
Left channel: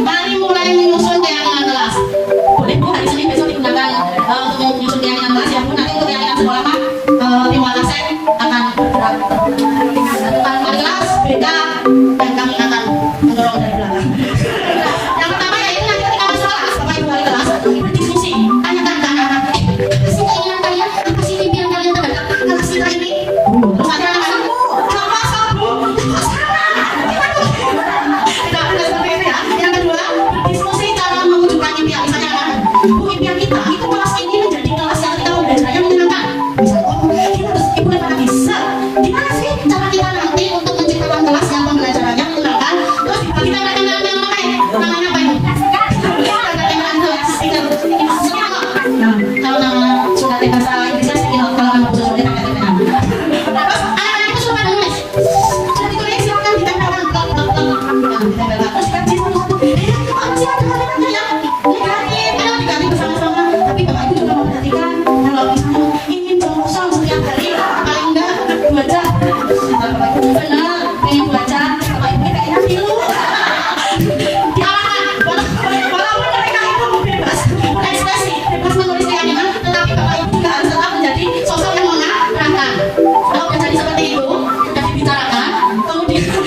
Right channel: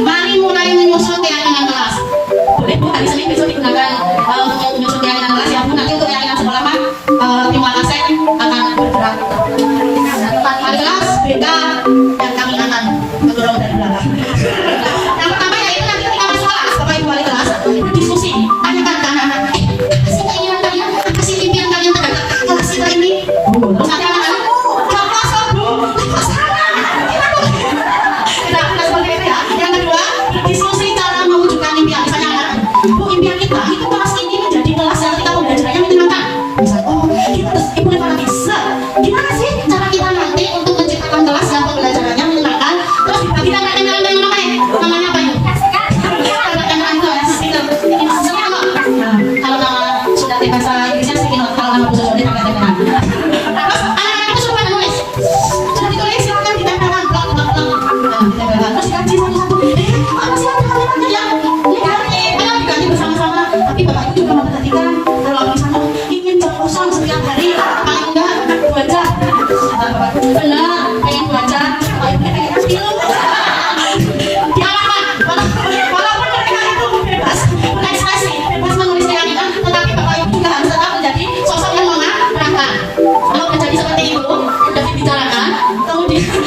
Mari mulai menyusun keyakinan kelas. Boleh Bu, hari Senin besok digunakan untuk menyusun keyakinan kelas ya Bu. Nanti untuk keyakinan sekolah mah tim Wakasek akan bergerak. Tempat wali kelas beda dan kami akan mendorong dari belakang. Yang pertama yaitu nanti ketika masuk kelas Bapak Ibu wali kelas berdiskusi, tanyakan ke anak-anak, apa sih keinginan kalian, apa sih impian kalian terhadap kelas kita ini? Terus nanti anak-anak, kalau kosong Bu, kosong. Tidak seperti itu ya. Yang kedua, diskusi cara mewujudkan impian. Misalnya anak-anak, Bu, impian kita itu kelas ini menjadi kelas yang ketika pembelajarannya menyenangkan. Misalnya, oh kita harus ibu mana bisa. Gimana sih cara kita nanti untuk menciptakan kelas yang pembelajarannya menyenangkan? Terus kita namanya apa itu? Ya, itu ya, speaker. Kalau nama sudah bahasa Inggrisnya speaker, kalau nama khusus sudah terus anak-anak itu sudah pada nulis. Sudah ditulis, silakan ditempelkan. Ditempelkan. Terus dikaji satu-satu. Apa sih kalimatnya ya? Diganti bersama-sama. Tapi Bapak Ibu juga memperhatikan kalau misalnya ingin jam kosong setiap hari paling enggak 2 jam. Benar, pengen 2 jam. Bapak Ibu pengennya tilu. Diarahkan. Walaupun mereka itu bebas berekspresi, bebas menulis keyakinan, tetapi Bapak Ibu juga harus tetap menjadi sosok yang mengarahkan. Kalau menjadi seperti itu, sudah dibicarakan, kemudian itu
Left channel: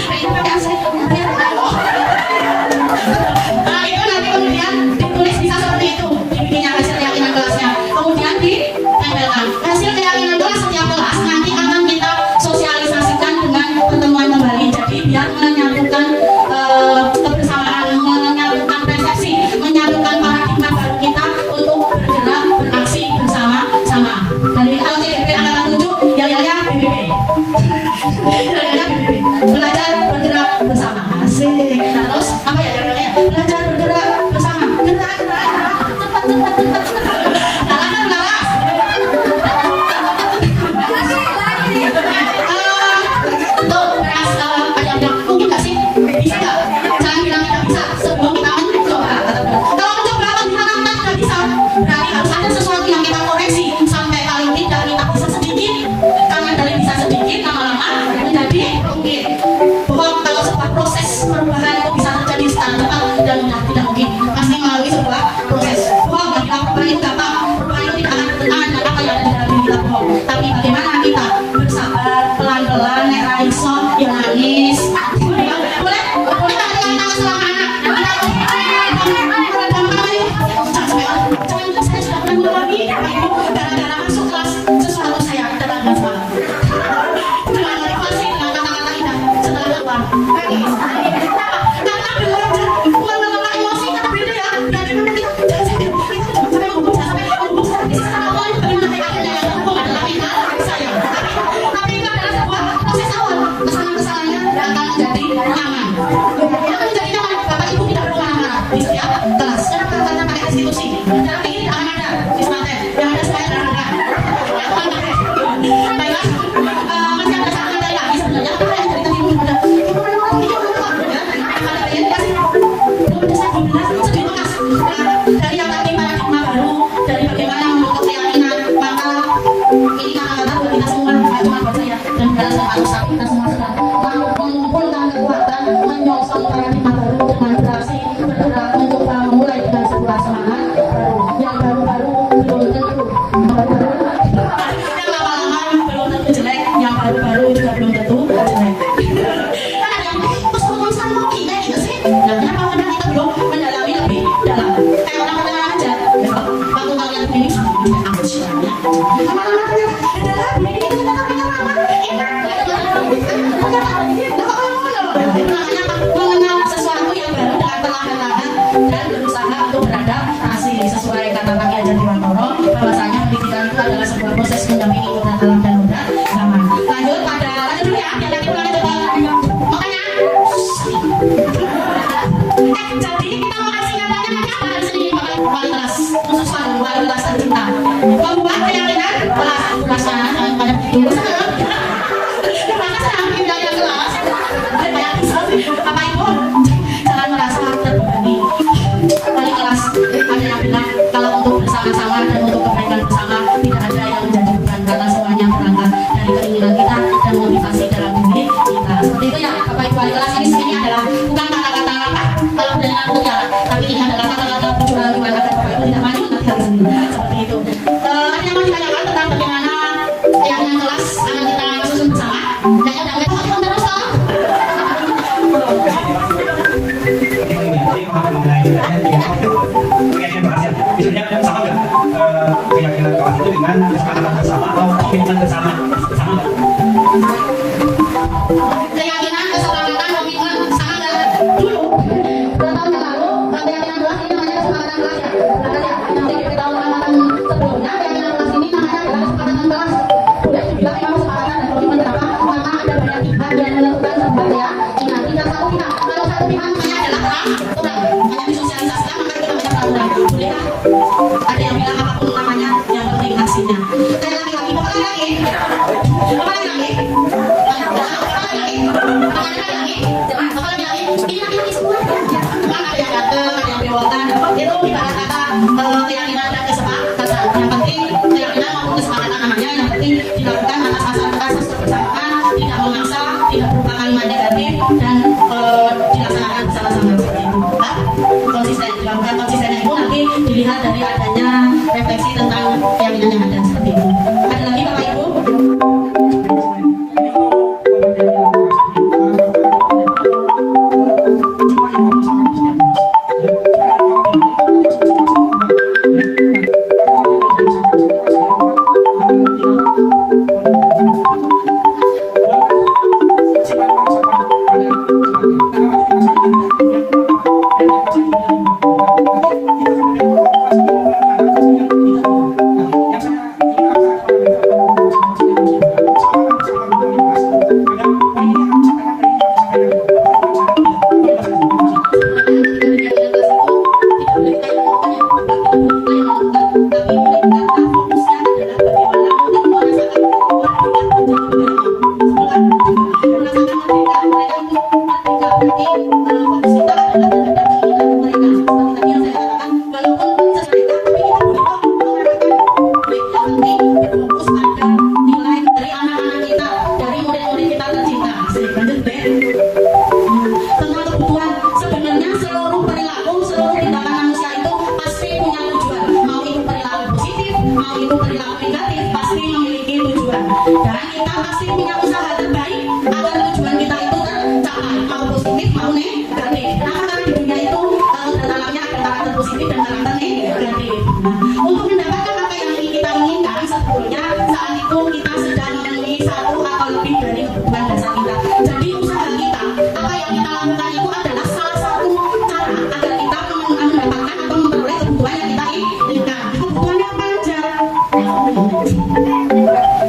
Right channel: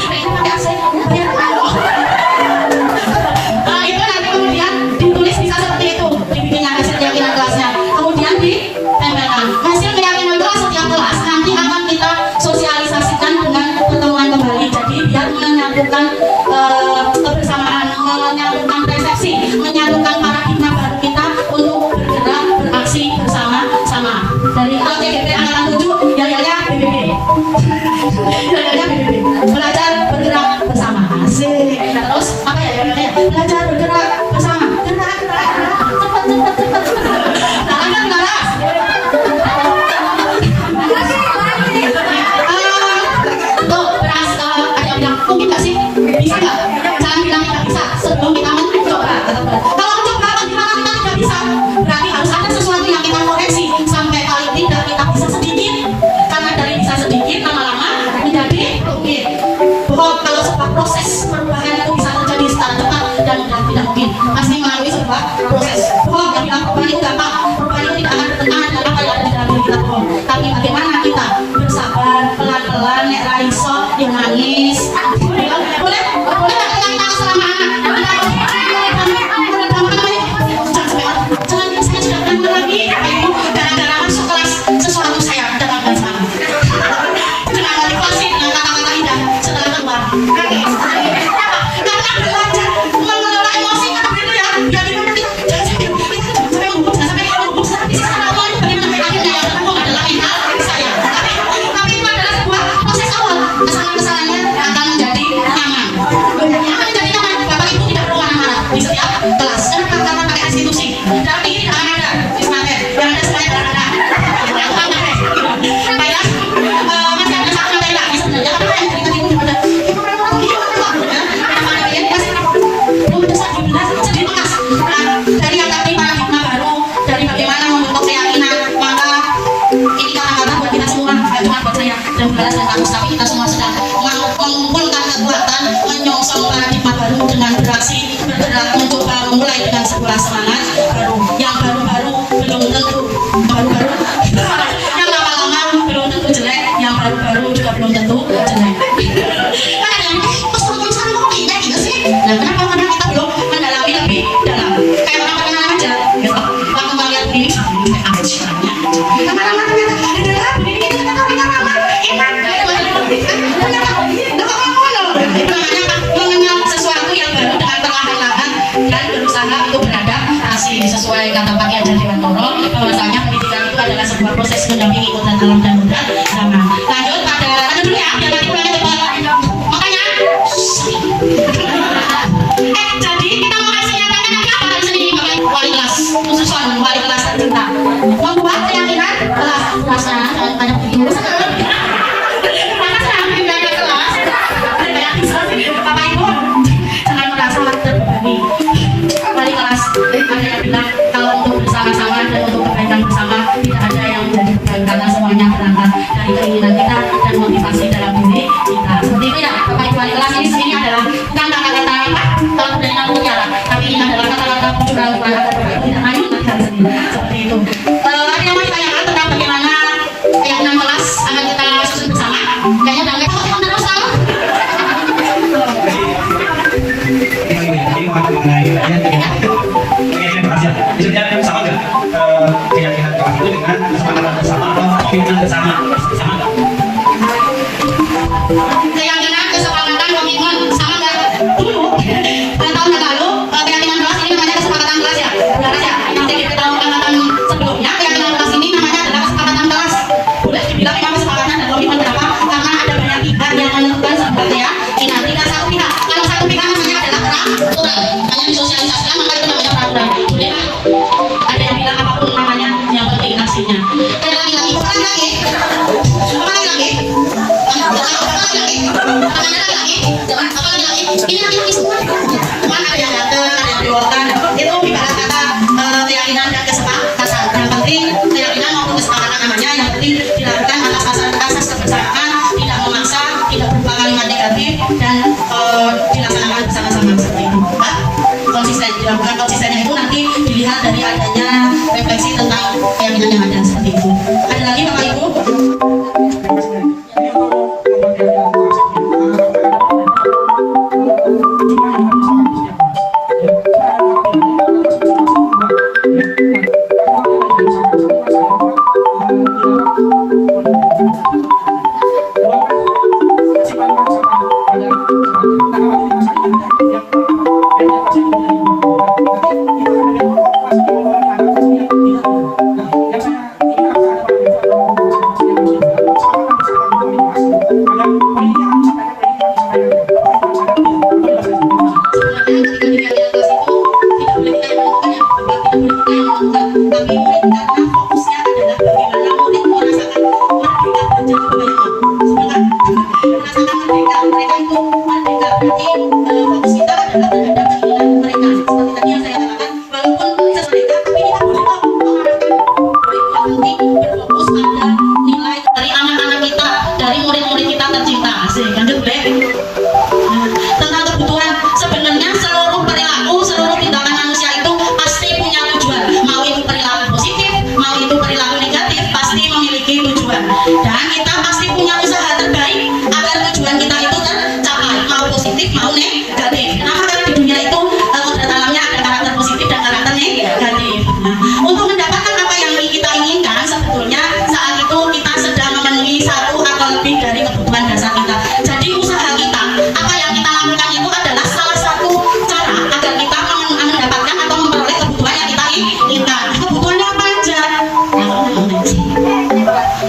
nanti kemudian dalam kayak orang penyelam aja gitu. Waktu ngeliat begini kayak ambil silamnya lama-lama ternyata ada dalam begini ternyata mereka lama enak mengenal sesuatu yang baru dengan perlahan-lahan dan berusaha untuk beradaptasi sesuai kata Pak Ki Hajar Dewantoro bahwasanya pendidikan itu adalah sebuah proses mendampingi hutan alam dan budaya zaman. Lanjut dulu ya, biar nanti pulangnya cepat. Makanya jadi kita mau kasih nyatakan nanti apa dari sini Bapak wali kelas khususan wali kelas tercinta membuat keyakinan kelas rasa banyak itu maka senang pindah kelas Bapak Ibu jangan merasa terbebani. Wali kelas ada yang bilang kalau untuk bersama-sama dan untuk kebaikan bersama tidak ada yang menjadi beban karena semuanya berangkat dari keinginan kita dan motivasi dalam diri kita. Seperti itu ya Bapak Ibu wali kelas, ini sendiri adalah bukan kata-kata apa kalau kebenaran punya, tapi ini adalah kata-kata curang agar Bapak Ibu tidak main nanti hari sendiri. Seperti itu. Ada yang mau ditanyakan tentang bagaimana keyakinan kelas akan kita susun bersama? Kayaknya udah nggak tahu terus kan? Keyakinan kelas itu dengan kesepakatan bersama atau komitmen bersama Keyakinan, kesepakatan, komitmen sama nggak? Dulu, 2 tahun yang lalu, keyakinan kelas ini namanya kesepakatan kelas ya. Benar ya? Nanti kita tahu angkatan sebelumnya, keyakinan kelas ini namanya adalah kesepakatan kelas. Boleh dibilang memang kesepakatan dan komitmen berapa? Karena ada banyak pihak yang menentukan sebenarnya. Ingat, tidak satu pihak. Kalau satu pihak namanya adalah peraturan. Hanya disosialisasikan, maka itu namanya peraturan. Boleh kan? Ada yang bilang apapun namanya, yang penting aksinya. Dan lagi-lagi, apa lagi? Apa lagi? Itu ibarat kata keyakinan dan kesepakatan. Yang penting keyakinan maupun kesepakatan namanya, yang penting dilakukan atas asas kebersamaan, tidak memaksa, tidak berupa kalimat negatif dan dilaksanakan bersama-sama seperti itu. Konsisten, dilakukan konsistennya itu nanti dilihat dari adanya refleksi tentang keyakinan yang ada seperti itu. Ada lagi Bapak Ibu? Dan kita pasti punya usaha terbaik agar tujuan kita itu tercapai, mau positif mau negatif. Kenapa? Karena di dunia itu dalamnya ada karakter positif dan karakter negatif. Nah, untuk mendapatkan apa yang kita inginkan, sebetulnya saat itu kita sedang memenuhi satu atau lebih dari kebutuhan dasar kita. Jadi usaha kita, apa yang kita lakukan itu adalah salah satu cara agar kita mendapatkan atau memperoleh kebutuhan yang kita inginkan. Kebutuhannya apa aja?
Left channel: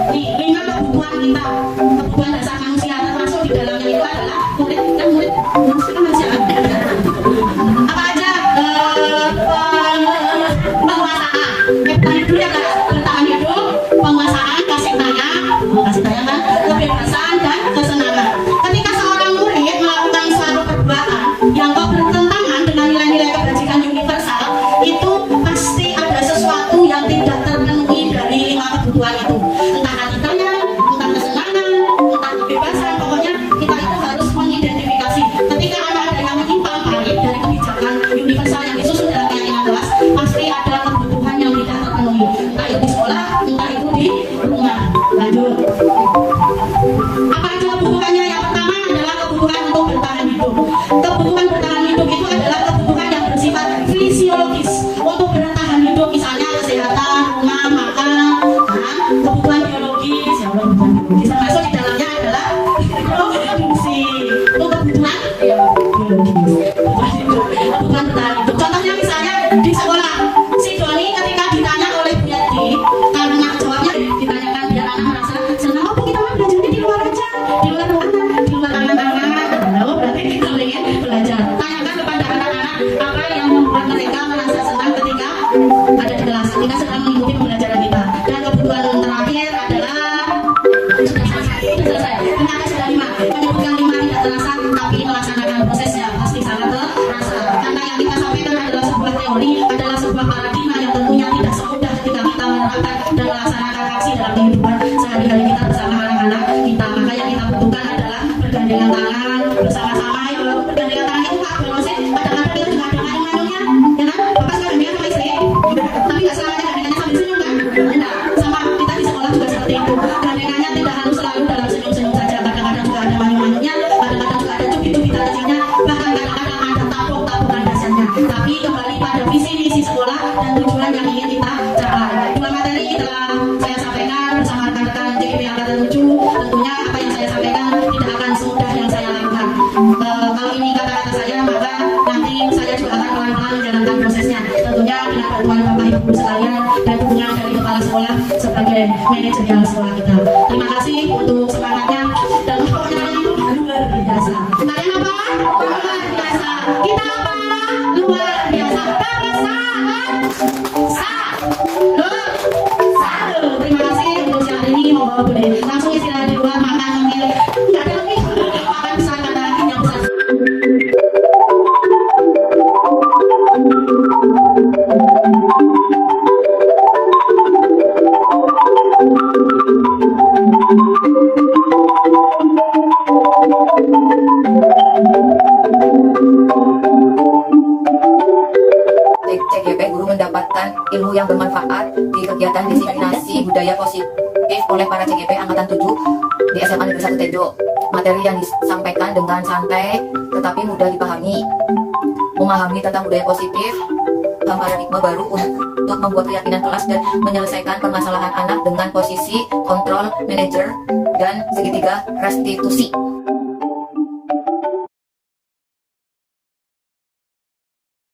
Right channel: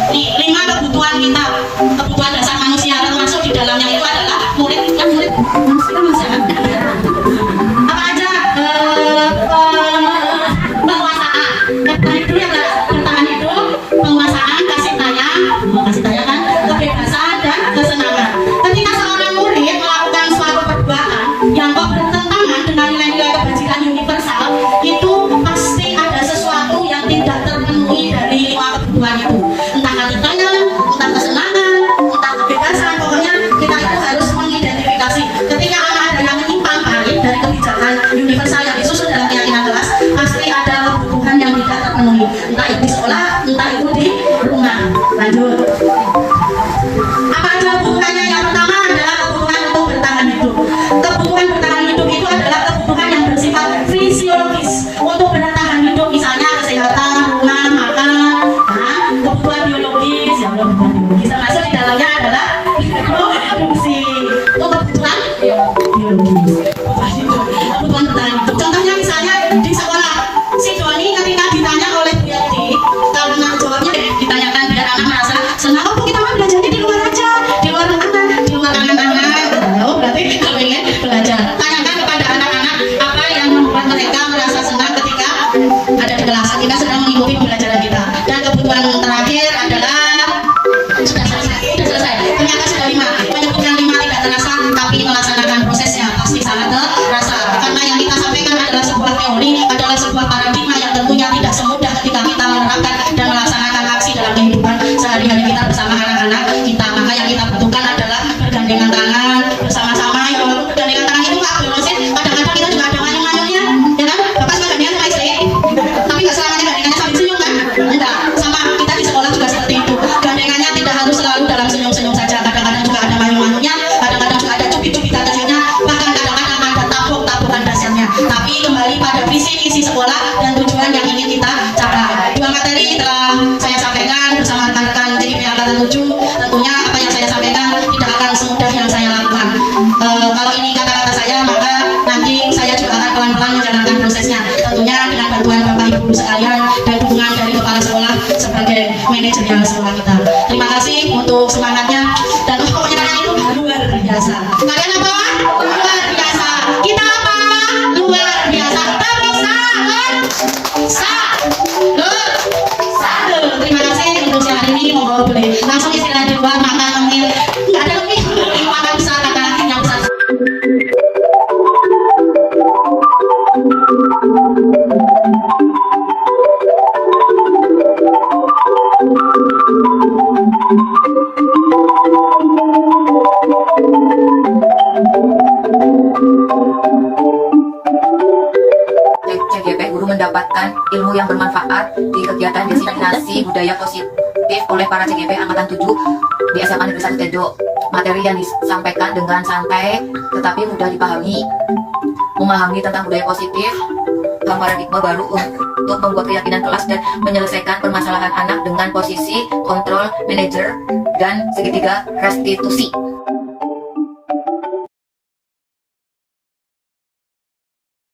Nih, 5 kebutuhan kita, kebutuhan dasar manusia, termasuk di dalamnya itu adalah murid manusia. Apa aja? Penguasaan. Bertahan hidup ya, bertahan hidup, ada di kelas. Kita sedang mengikuti pembelajaran kita. Dan kebutuhan terakhir adalah sudah selesai. Ternyata sudah 5. Menyebutkan 5 tidak terasa, tapi melaksanakan prosesnya pasti sangat terasa. Karena yang kita sampaikan adalah sebuah teori, adalah sebuah paradigma yang tentunya tidak semudah ketika kita menerapkan dan melaksanakan aksi dalam kehidupan sehari-hari kita bersama anak-anak kita. Maka yang kita butuhkan adalah bergandengan tangan bersama-sama. Ya walaupun bergandengan tangan itu nggak berosin, kadang-kadang kita juga ada ngayung-ngayungnya, ya kan? Bapak suka gandengan sama istri, tapi nggak selamanya gandengannya sambil senyum kan? Enggak, sama kita di sekolah juga seperti itu. Gandengannya tidak harus selalu dalam senyum-senyum saja. Kadang-kadang juga ada ngayung-ngayungnya, kadang-kadang juga ada cubit-cubitan kecilnya, bahkan kadang-kadang ada tabung-tabungan dasarnya. Tapi kembali pada visi misi sekolah dan tujuan yang ingin kita capai. 2 materi telah saya sampaikan bersama rekan-rekan JGP Angkatan 7. Tentunya apa yang saya sampaikan tidak akan semudah yang saya lakukan. Kalau ini kata-kata saya, maka nanti saya juga akan pelan-pelan menjalankan prosesnya. Tentunya dengan bantuan Bapak Ibu sekalian dan dukungan dari kepala sekolah sebagai manajerial sekolah kita. Terima kasih untuk semangatnya dan pokoknya itu luar biasa. Kalian apa? Luar biasa. Kita apa? Luar biasa. Tapi terima kasih untuk siang hari ini. Mohon boleh langsung istirahat di luar, makan mungkin nggak ada lebih, makan besar kata yang besar. CGP guru mendapatkan ilmu yang bermanfaat di kegiatan diseminasi budaya positif oleh para CGP Angkatan 7 di SMA Negeri 1 Tejo. Materi yang disampaikan dengan santai tetapi mudah dipahami, memahami tentang budaya positif, paradigma baru untuk membuat keyakinan kelas dan menyelesaikan permasalahan anak dengan posisi kontrol manager dan segitiga restitusi.